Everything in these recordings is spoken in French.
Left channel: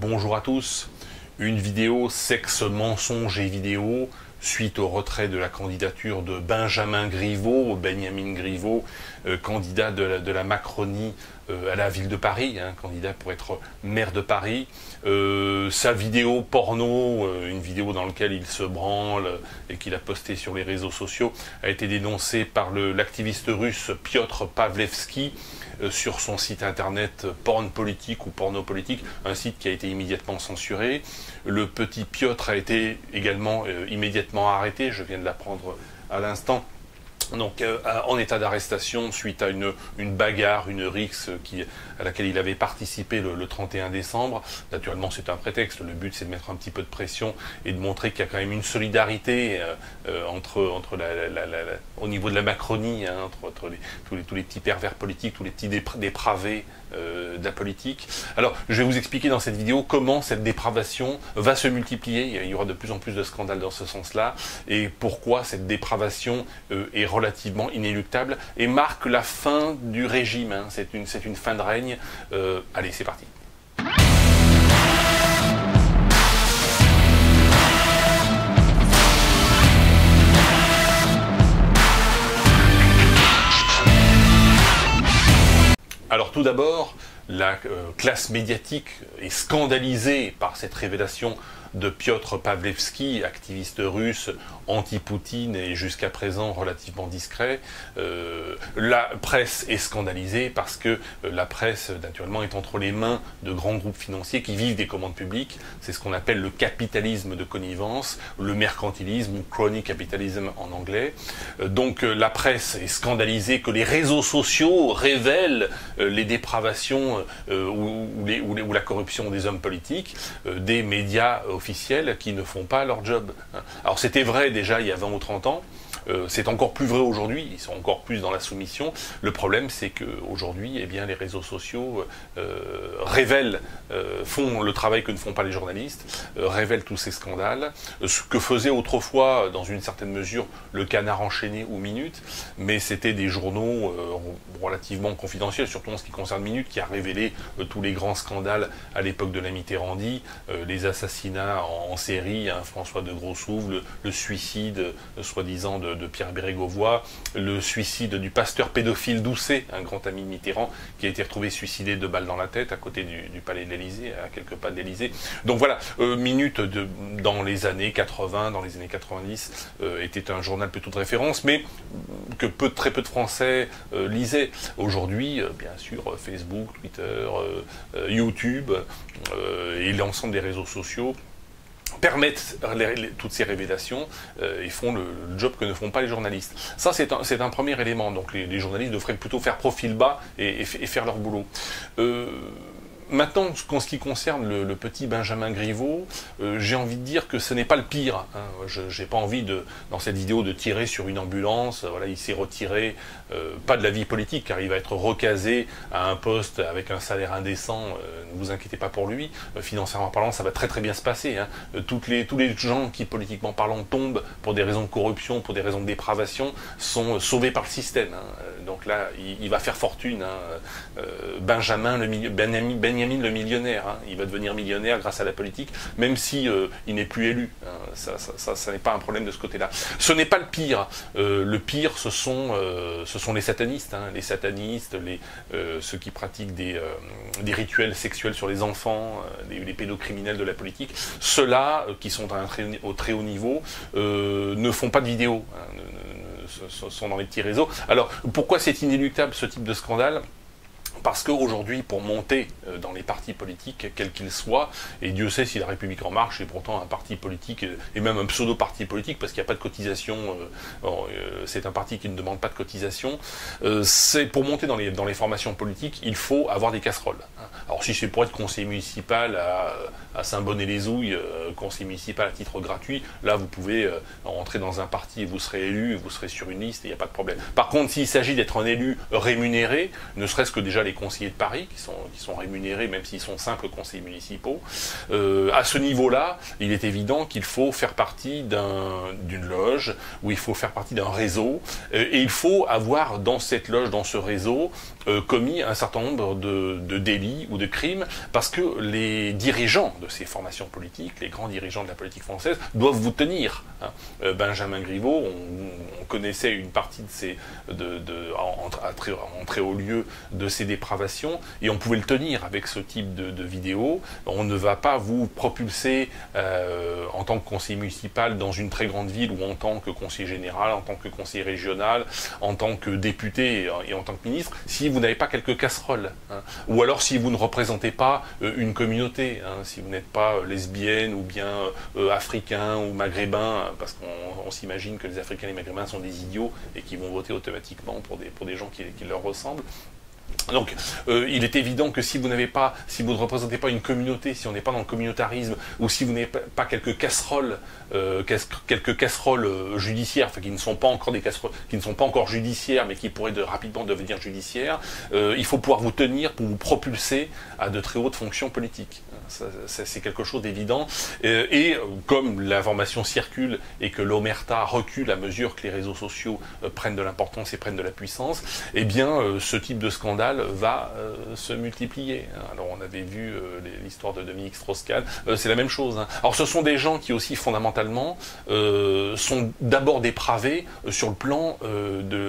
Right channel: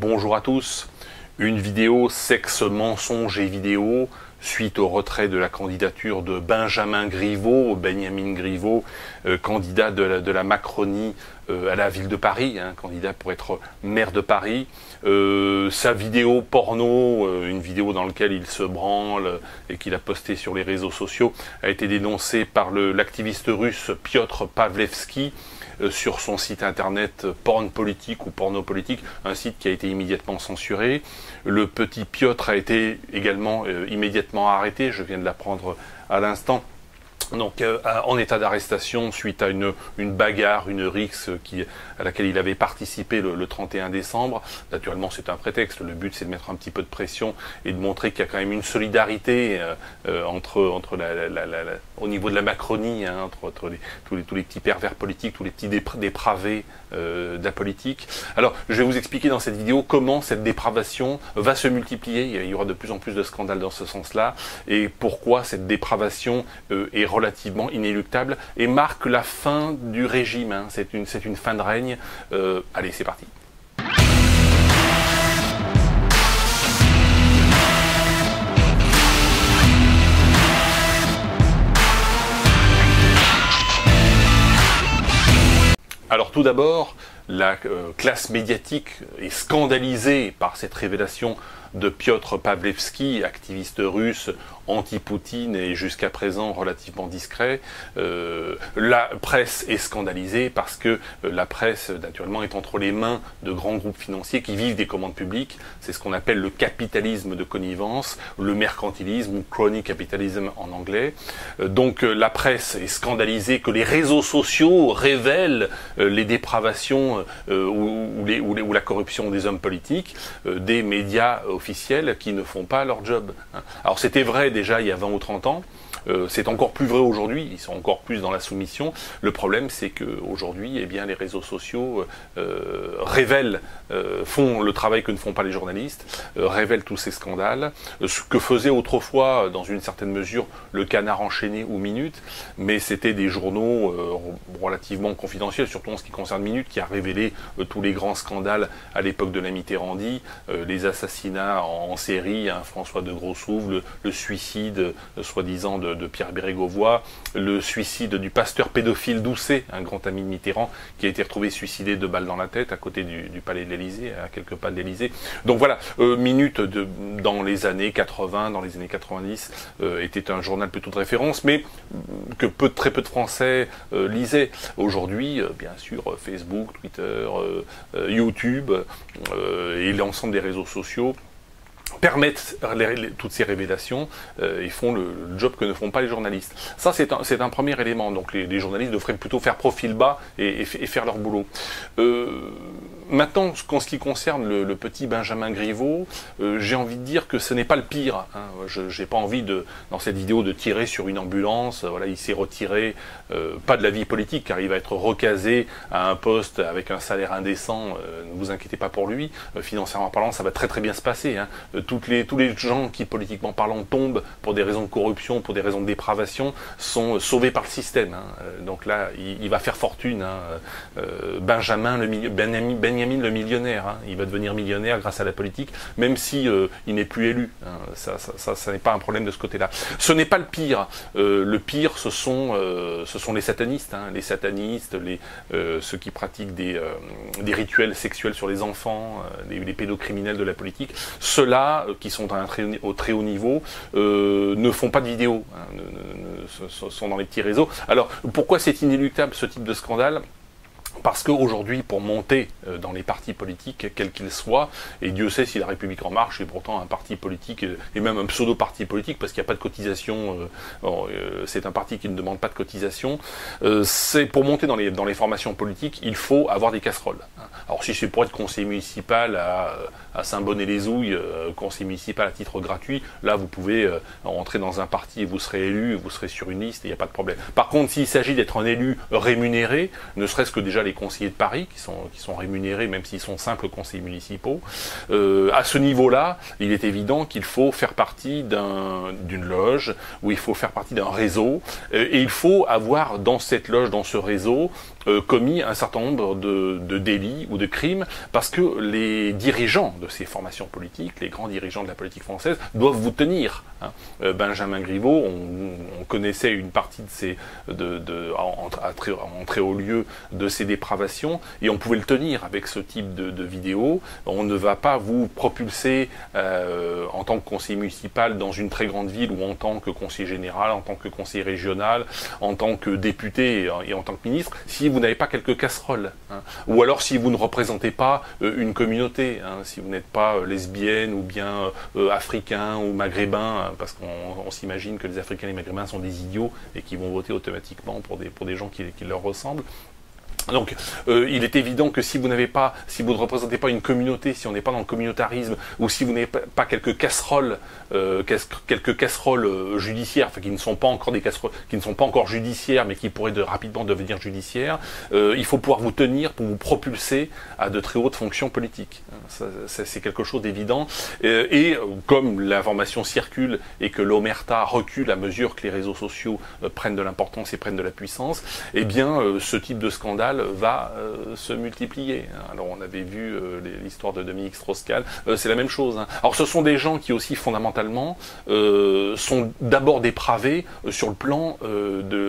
Bonjour à tous. Une vidéo sexe, mensonge et vidéo suite au retrait de la candidature de Benjamin Griveaux, candidat de la Macronie à la ville de Paris, candidat pour être maire de Paris. Sa vidéo porno, une vidéo dans laquelle il se branle et qu'il a postée sur les réseaux sociaux, a été dénoncée par l'activiste russe Piotr Pawlewski sur son site internet Porn Politique ou Porno Politique, un site qui a été immédiatement censuré. Le petit Piotr a été également immédiatement arrêté, je viens de l'apprendre à l'instant. Donc en état d'arrestation suite à une bagarre, une rixe à laquelle il avait participé le 31 décembre. Naturellement c'est un prétexte, le but c'est de mettre un petit peu de pression et de montrer qu'il y a quand même une solidarité au niveau de la Macronie, entre tous les petits pervers politiques, tous les petits dépravés de la politique. Alors je vais vous expliquer dans cette vidéo comment cette dépravation va se multiplier, il y aura de plus en plus de scandales dans ce sens-là, et pourquoi cette dépravation est relativement inéluctable et marque la fin du régime, c'est une fin de règne. Allez, c'est parti. Alors tout d'abord, la classe médiatique est scandalisée par cette révélation de Piotr Pawlewski, activiste russe, anti-Poutine et jusqu'à présent relativement discret. La presse est scandalisée parce que la presse, naturellement, est entre les mains de grands groupes financiers qui vivent des commandes publiques. C'est ce qu'on appelle le capitalisme de connivence, le mercantilisme ou crony capitalism en anglais. Donc la presse est scandalisée que les réseaux sociaux révèlent les dépravations ou la corruption des hommes politiques, des médias officiels qui ne font pas leur job. Alors c'était vrai déjà il y a 20 ou 30 ans, c'est encore plus vrai aujourd'hui, ils sont encore plus dans la soumission. Le problème c'est qu'aujourd'hui, eh bien, les réseaux sociaux révèlent, font le travail que ne font pas les journalistes, révèlent tous ces scandales, ce que faisait autrefois, dans une certaine mesure, le Canard enchaîné ou Minute, mais c'était des journaux relativement confidentiels, surtout en ce qui concerne Minute, qui a révélé tous les grands scandales à l'époque de la Mitterrandie, les assassinats en série, François de Grossouve, le suicide soi-disant de Pierre Bérégovoy, le suicide du pasteur pédophile Doucet, un grand ami de Mitterrand, qui a été retrouvé suicidé de balles dans la tête à côté du palais de l'Élysée, à quelques pas de l'Élysée. Donc voilà, Minute dans les années 80, dans les années 90, était un journal plutôt de référence, mais que très peu de Français lisaient. Aujourd'hui, bien sûr, Facebook, Twitter, YouTube et l'ensemble des réseaux sociaux permettent toutes ces révélations et font le job que ne font pas les journalistes. Ça, c'est un premier élément. Donc les journalistes devraient plutôt faire profil bas et faire leur boulot. Maintenant, en ce qui concerne le petit Benjamin Griveaux, j'ai envie de dire que ce n'est pas le pire. Je n'ai pas envie, dans cette vidéo, de tirer sur une ambulance. Voilà, il s'est retiré, pas de la vie politique, car il va être recasé à un poste avec un salaire indécent. Ne vous inquiétez pas pour lui. Financièrement parlant, ça va très très bien se passer. Tous les gens qui, politiquement parlant, tombent pour des raisons de corruption, pour des raisons de dépravation, sont sauvés par le système. Donc là, il va faire fortune. Benjamin le millionnaire, il va devenir millionnaire grâce à la politique, même si il n'est plus élu. Ça n'est pas un problème de ce côté-là. Ce n'est pas le pire. Le pire, ce sont les satanistes, ceux qui pratiquent des rituels sexuels sur les enfants, les pédocriminels de la politique. Ceux-là, qui sont au très haut niveau, ne font pas de vidéos, sont dans les petits réseaux. Alors, pourquoi c'est inéluctable ce type de scandale ? Parce qu'aujourd'hui, pour monter dans les partis politiques, quels qu'ils soient, et Dieu sait si la République En Marche est pourtant un parti politique, et même un pseudo-parti politique, parce qu'il n'y a pas de cotisation, c'est un parti qui ne demande pas de cotisation, c'est pour monter dans les formations politiques, il faut avoir des casseroles. Alors si c'est pour être conseiller municipal à Saint-Bonnet-les-Ouilles, conseiller municipal à titre gratuit, là vous pouvez entrer dans un parti et vous serez élu, vous serez sur une liste, et il n'y a pas de problème. Par contre, s'il s'agit d'être un élu rémunéré, ne serait-ce que déjà les conseillers de Paris, qui sont rémunérés, même s'ils sont simples conseillers municipaux, à ce niveau-là, il est évident qu'il faut faire partie d'une loge, ou il faut faire partie d'un réseau, et il faut avoir dans cette loge, dans ce réseau, commis un certain nombre de délits ou de crimes, parce que les dirigeants de ces formations politiques, les grands dirigeants de la politique française, doivent vous tenir. Hein. Benjamin Griveaux, on connaissait une partie de ces, en très haut lieu de ces dépravations, et on pouvait le tenir avec ce type de vidéo. On ne va pas vous propulser en tant que conseiller municipal dans une très grande ville, ou en tant que conseiller général, en tant que conseiller régional, en tant que député et en tant que ministre, si vous n'avez pas quelques casseroles, hein. Ou alors si vous ne représentez pas une communauté, hein, si vous n'êtes pas lesbienne ou bien africain ou maghrébin, hein, parce qu'on s'imagine que les Africains et les Maghrébins sont des idiots et qui vont voter automatiquement pour des gens qui leur ressemblent. Donc, il est évident que si vous n'avez pas, si vous ne représentez pas une communauté, si on n'est pas dans le communautarisme, ou si vous n'avez pas quelques casseroles judiciaires, enfin qui ne sont pas encore des casseroles, qui ne sont pas encore judiciaires, mais qui pourraient rapidement devenir judiciaires, il faut pouvoir vous tenir pour vous propulser à de très hautes fonctions politiques. Ça, c'est quelque chose d'évident. Et comme l'information circule et que l'omerta recule à mesure que les réseaux sociaux prennent de l'importance et prennent de la puissance, eh bien, ce type de scandale va se multiplier. Alors on avait vu l'histoire de Dominique Strauss-Kahn, c'est la même chose. Hein. Alors ce sont des gens qui aussi fondamentalement sont d'abord dépravés sur le plan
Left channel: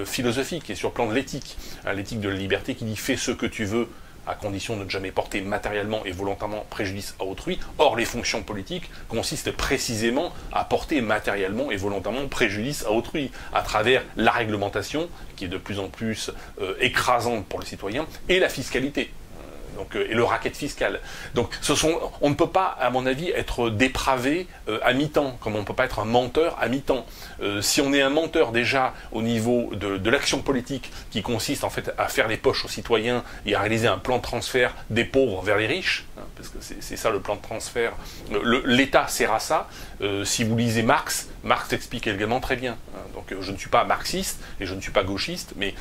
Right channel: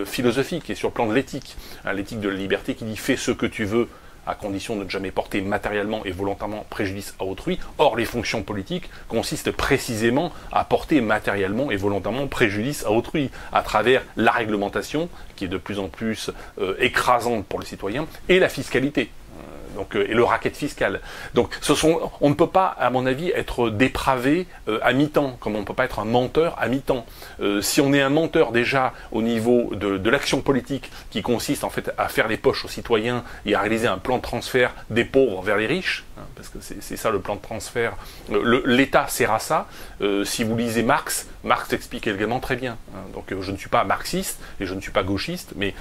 philosophique et sur le plan de l'éthique. Hein, l'éthique de la liberté qui dit fais ce que tu veux, à condition de ne jamais porter matériellement et volontairement préjudice à autrui. Or, les fonctions politiques consistent précisément à porter matériellement et volontairement préjudice à autrui, à travers la réglementation, qui est de plus en plus écrasante pour les citoyens, et la fiscalité. Donc, et le racket fiscal. Donc, on ne peut pas, à mon avis, être dépravé à mi-temps, comme on ne peut pas être un menteur à mi-temps. Si on est un menteur déjà au niveau de l'action politique, qui consiste en fait à faire les poches aux citoyens et à réaliser un plan de transfert des pauvres vers les riches, hein, parce que c'est ça le plan de transfert, l'État sert à ça. Si vous lisez Marx explique également très bien. Hein. Donc je ne suis pas marxiste et je ne suis pas gauchiste, mais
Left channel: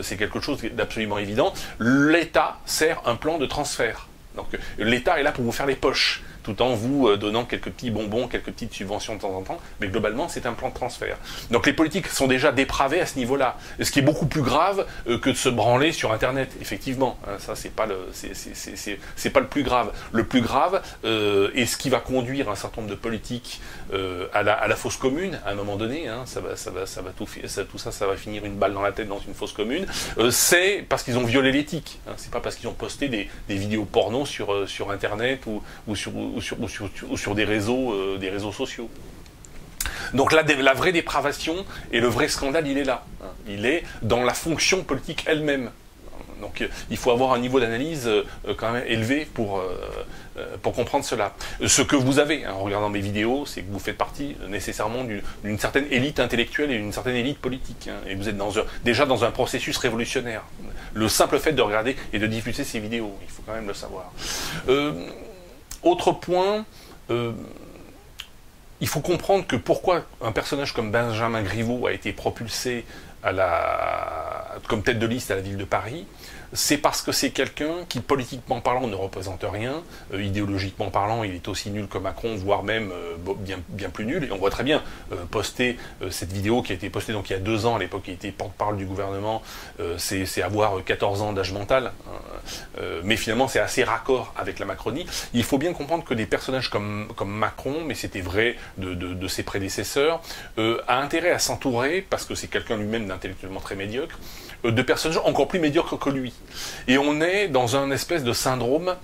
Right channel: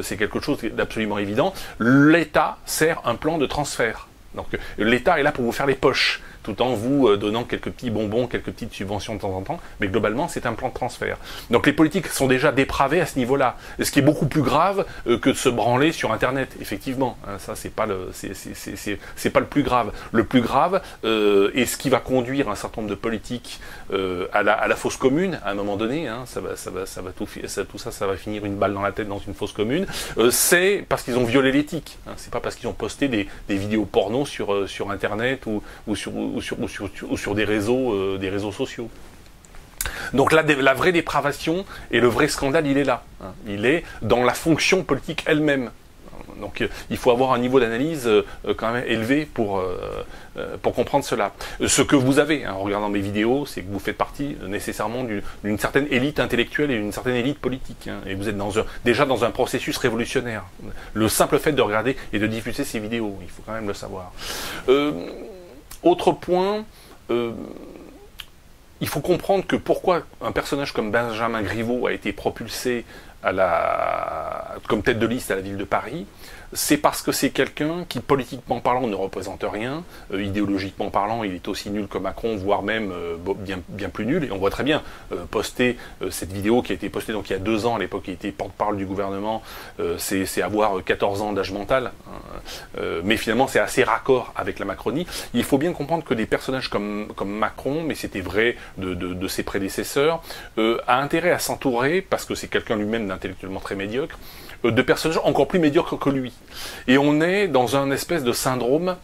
c'est quelque chose d'absolument évident. L'État sert un plan de transfert. Donc l'État est là pour vous faire les poches, tout en vous donnant quelques petits bonbons, quelques petites subventions de temps en temps, mais globalement c'est un plan de transfert. Donc les politiques sont déjà dépravés à ce niveau-là, ce qui est beaucoup plus grave que de se branler sur Internet, effectivement. Hein, ça c'est pas le plus grave. Le plus grave est ce qui va conduire un certain nombre de politiques à la fosse commune à un moment donné. Hein, tout ça va finir une balle dans la tête dans une fosse commune. C'est parce qu'ils ont violé l'éthique. Hein, c'est pas parce qu'ils ont posté des vidéos porno sur Internet ou sur des réseaux sociaux. Donc la vraie dépravation et le vrai scandale, il est là. Hein. Il est dans la fonction politique elle-même. Donc il faut avoir un niveau d'analyse quand même élevé pour comprendre cela. Ce que vous avez, hein, en regardant mes vidéos, c'est que vous faites partie nécessairement d'une certaine élite intellectuelle et d'une certaine élite politique. Hein, et vous êtes déjà dans un processus révolutionnaire. Le simple fait de regarder et de diffuser ces vidéos, il faut quand même le savoir. Autre point, il faut comprendre que pourquoi un personnage comme Benjamin Griveaux a été propulsé comme tête de liste à la ville de Paris, c'est parce que c'est quelqu'un qui, politiquement parlant, ne représente rien, idéologiquement parlant, il est aussi nul que Macron, voire même bien plus nul, et on voit très bien poster cette vidéo qui a été postée donc il y a 2 ans, à l'époque il était porte-parole du gouvernement, c'est avoir 14 ans d'âge mental, hein, mais finalement c'est assez raccord avec la Macronie. Il faut bien comprendre que des personnages comme Macron, mais c'était vrai de ses prédécesseurs, a intérêt à s'entourer, parce que c'est quelqu'un lui-même d'intellectuellement très médiocre, de personnages encore plus médiocres que lui. Et on est dans un espèce de syndrome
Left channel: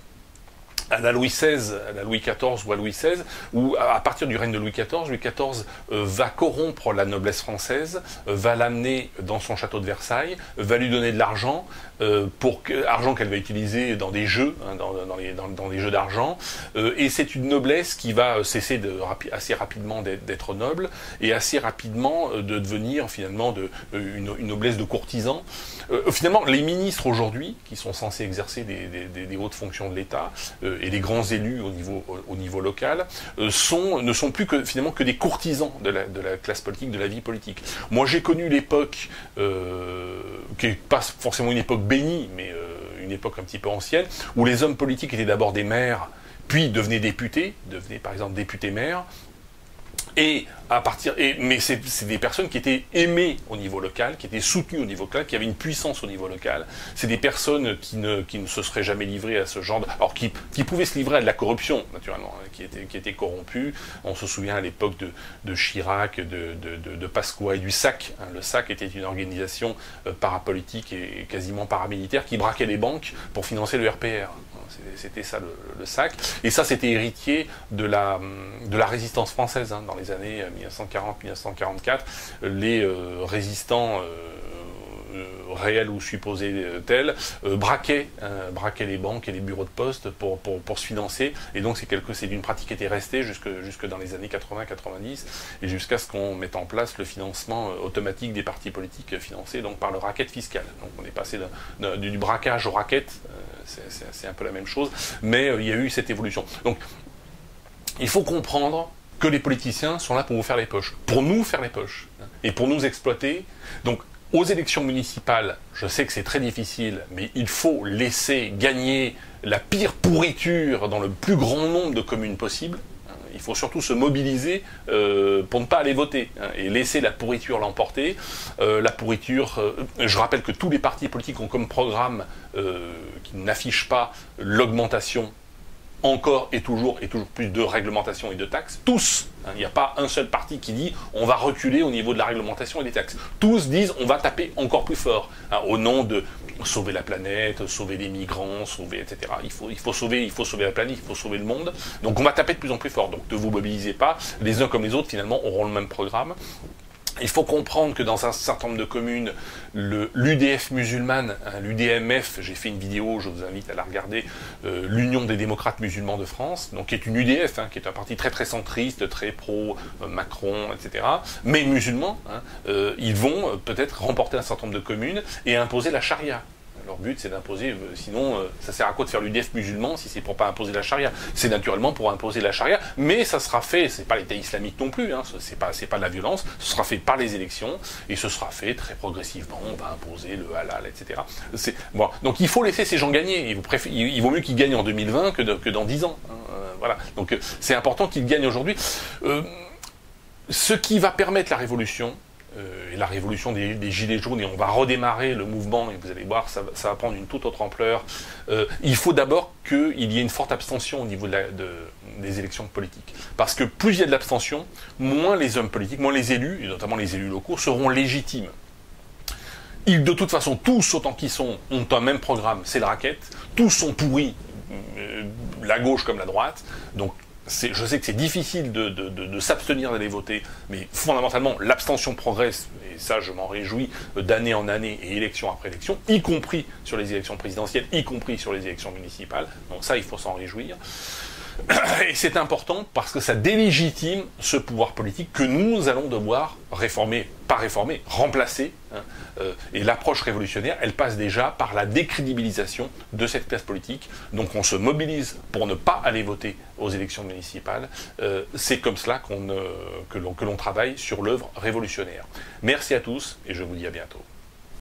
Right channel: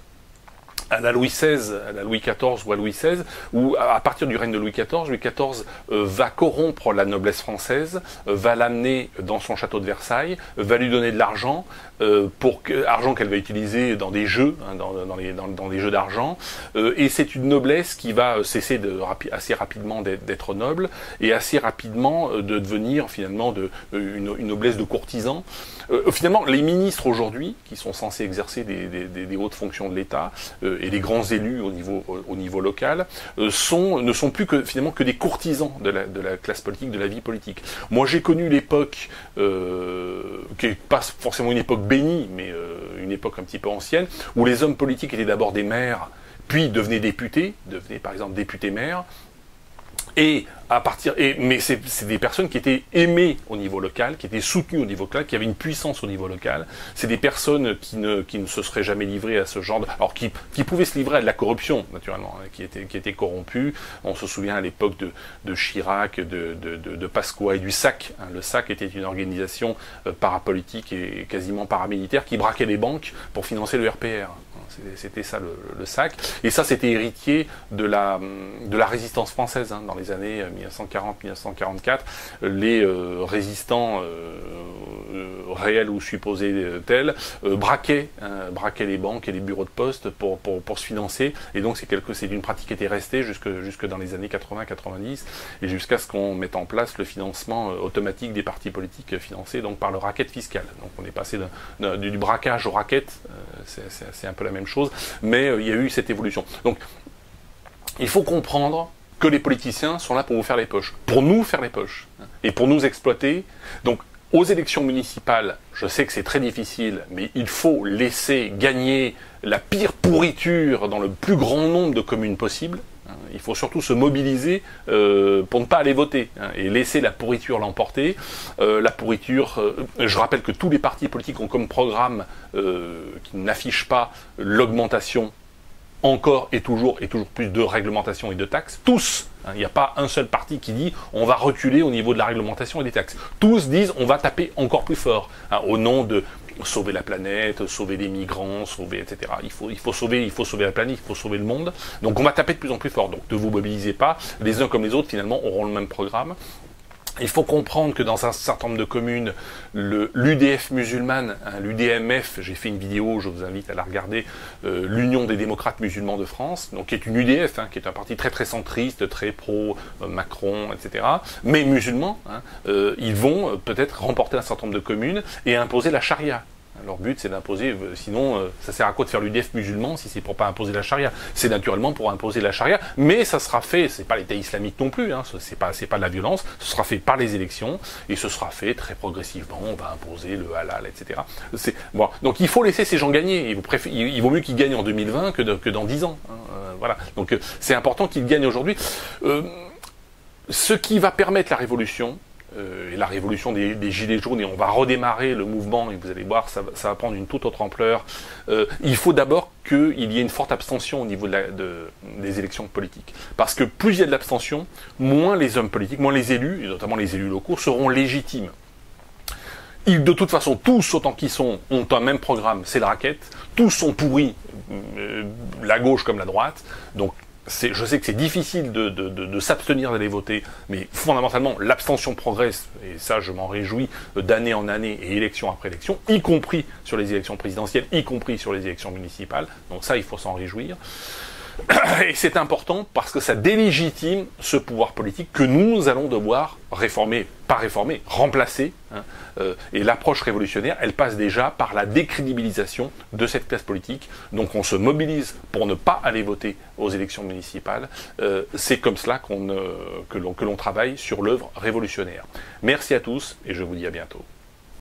à la Louis XVI, à la Louis XIV ou à Louis XVI, où à partir du règne de Louis XIV va corrompre la noblesse française, va l'amener dans son château de Versailles, va lui donner de l'argent, argent qu'elle va utiliser dans des jeux, hein, dans des jeux d'argent, et c'est une noblesse qui va cesser assez rapidement d'être noble, et assez rapidement de devenir finalement une noblesse de courtisans. Finalement, les ministres aujourd'hui, qui sont censés exercer des hautes fonctions de l'État, et les grands élus au niveau local, ne sont plus finalement que des courtisans de la classe politique, de la vie politique. Moi j'ai connu l'époque, qui n'est pas forcément une époque bénie, mais une époque un petit peu ancienne, où les hommes politiques étaient d'abord des maires, puis devenaient députés, devenaient par exemple députés-maires, Mais c'est des personnes qui étaient aimées au niveau local, qui étaient soutenues au niveau local, qui avaient une puissance au niveau local. C'est des personnes qui ne se seraient jamais livrées à ce genre de... Alors, qui pouvaient se livrer à de la corruption, naturellement, hein, qui étaient corrompus. On se souvient à l'époque de Chirac, de Pasqua et du SAC. Hein. Le SAC était une organisation parapolitique et quasiment paramilitaire qui braquait les banques pour financer le RPR. C'était ça le SAC. Et ça, c'était héritier de la résistance française, hein, dans les années 1940-1944. Les résistants réels ou supposés tels braquaient les banques et les bureaux de poste pour se financer. Et donc c'est une pratique qui était restée jusque dans les années 80-90 et jusqu'à ce qu'on mette en place le financement automatique des partis politiques financés donc par le racket fiscal. Donc on est passé du braquage au racket, c'est un peu la même chose, mais il y a eu cette évolution. Donc il faut comprendre que les politiciens sont là pour vous faire les poches, pour nous faire les poches, et pour nous exploiter. Donc aux élections municipales, je sais que c'est très difficile, mais il faut laisser gagner la pire pourriture dans le plus grand nombre de communes possible. Il faut surtout se mobiliser pour ne pas aller voter, hein, et laisser la pourriture l'emporter. La pourriture, je rappelle que tous les partis politiques ont comme programme qui n'affichent pas l'augmentation encore et toujours plus de réglementation et de taxes. Tous, hein, il n'y a pas un seul parti qui dit on va reculer au niveau de la réglementation et des taxes. Tous disent on va taper encore plus fort, hein, au nom de sauver la planète, sauver les migrants, sauver, etc. Il faut sauver la planète, il faut sauver le monde. Donc on va taper de plus en plus fort. Donc ne vous mobilisez pas. Les uns comme les autres, finalement, auront le même programme. Il faut comprendre que dans un certain nombre de communes, l'UDF musulmane, hein, l'UDMF, j'ai fait une vidéo, je vous invite à la regarder, l'Union des démocrates musulmans de France, donc qui est une UDF, hein, qui est un parti très très centriste, très pro-Macron, etc., mais musulmans, hein, ils vont peut-être remporter un certain nombre de communes et imposer la charia. Leur but, c'est d'imposer, sinon, ça sert à quoi de faire l'UDF musulman si c'est pour pas imposer la charia? C'est naturellement pour imposer la charia, mais ça sera fait, c'est pas l'État islamique non plus, hein, c'est pas de la violence, ce sera fait par les élections, et ce sera fait très progressivement, on va imposer le halal, etc. Bon, donc il faut laisser ces gens gagner, il vaut mieux qu'ils gagnent en 2020 que dans 10 ans. Hein, voilà, donc c'est important qu'ils gagnent aujourd'hui. Ce qui va permettre la révolution, et la révolution des Gilets jaunes, et on va redémarrer le mouvement, et vous allez voir, ça va prendre une toute autre ampleur. Il faut d'abord qu'il y ait une forte abstention au niveau des élections politiques. Parce que plus il y a de l'abstention, moins les hommes politiques, moins les élus, et notamment les élus locaux, seront légitimes. Ils, de toute façon, tous, autant qu'ils sont, ont un même programme, c'est le racket. Tous sont pourris, la gauche comme la droite. Donc, je sais que c'est difficile de s'abstenir d'aller voter, mais fondamentalement, l'abstention progresse, et ça, je m'en réjouis d'année en année, et élection après élection, y compris sur les élections présidentielles, y compris sur les élections municipales. Donc ça, il faut s'en réjouir. Et c'est important parce que ça délégitime ce pouvoir politique que nous allons devoir réformer, pas réformer, remplacer. Hein, et l'approche révolutionnaire, elle passe déjà par la décrédibilisation de cette classe politique. Donc on se mobilise pour ne pas aller voter aux élections municipales. C'est comme cela que l'on travaille sur l'œuvre révolutionnaire. Merci à tous et je vous dis à bientôt.